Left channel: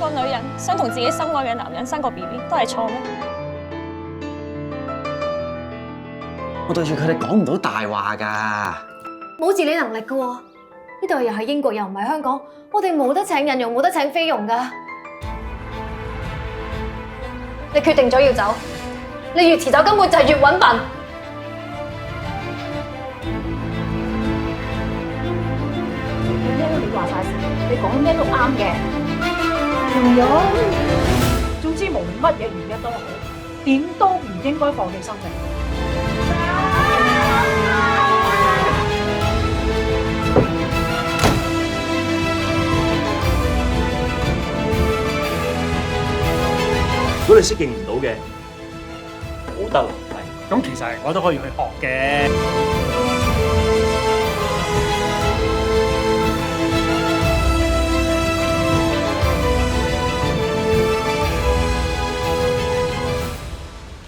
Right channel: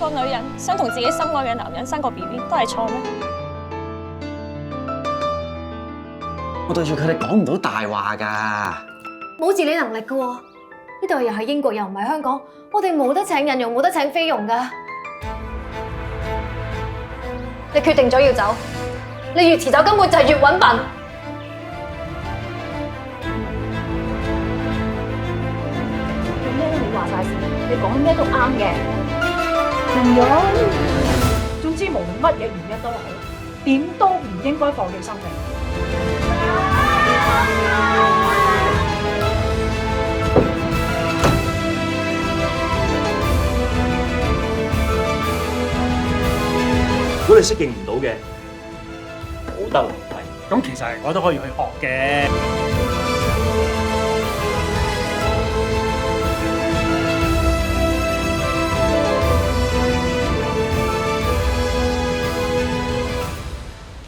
個女人想同自己心愛嘅男人生個 BB 都係錯咩？我對住佢哋講唔到大話㗎。冇自理能力㗎喎，呢度又係英國又唔係香港，我哋冇得請人用，冇得請菲傭㗎。你決定咗要走，你越遲走根本就係越揾笨。有咩你話晒事，你講咩都啱嘅。蓉蓉，總之無論乜嘢原因都好，點都唔應該放棄生命。如果你適應唔到嘅，冇得留低。咁其實我都可以去學嘅。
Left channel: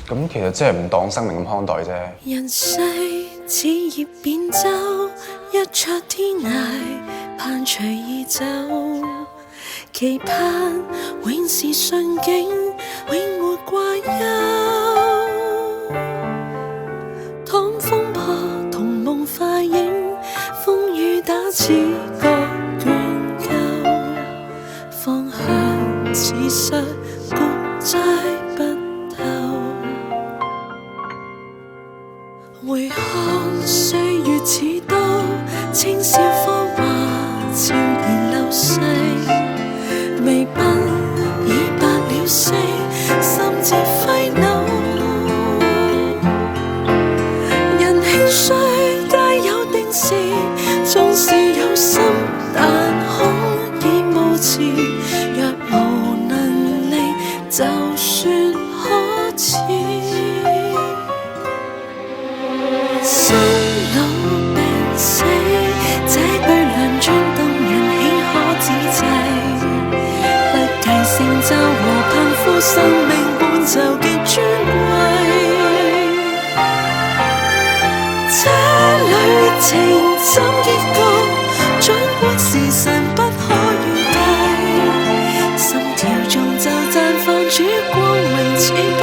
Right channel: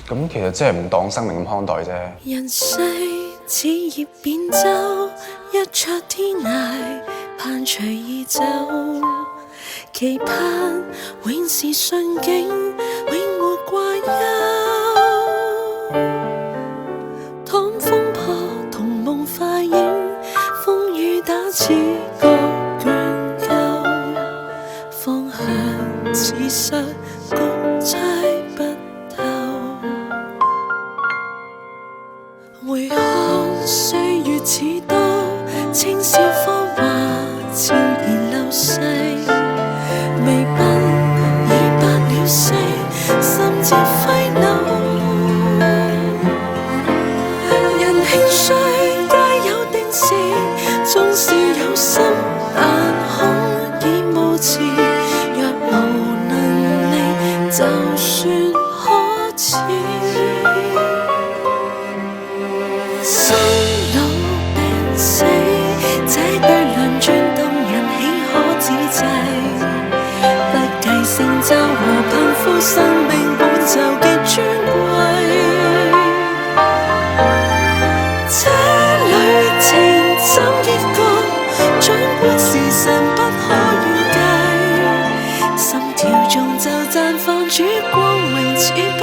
咁其實真係唔當生命咁看待啫。人世似葉扁舟，一出天涯，盼隨意走。期盼永是順境，永沒掛憂。當風破同夢化影，風雨打似個倦鳩，方向似失谷猜不透。回看歲月似刀，青少芳華悄然流逝。微鬢已白了色，心節揮扭。人興衰皆有定時，縱是有心，但恐已無詞。若無能力，就算可恥。生老病死，這對兩轉動人，豈可指制？不計成就和貧富，生命本就極尊貴。這旅程怎結局，儘管時辰不可預計，心跳中就綻放曙光榮似不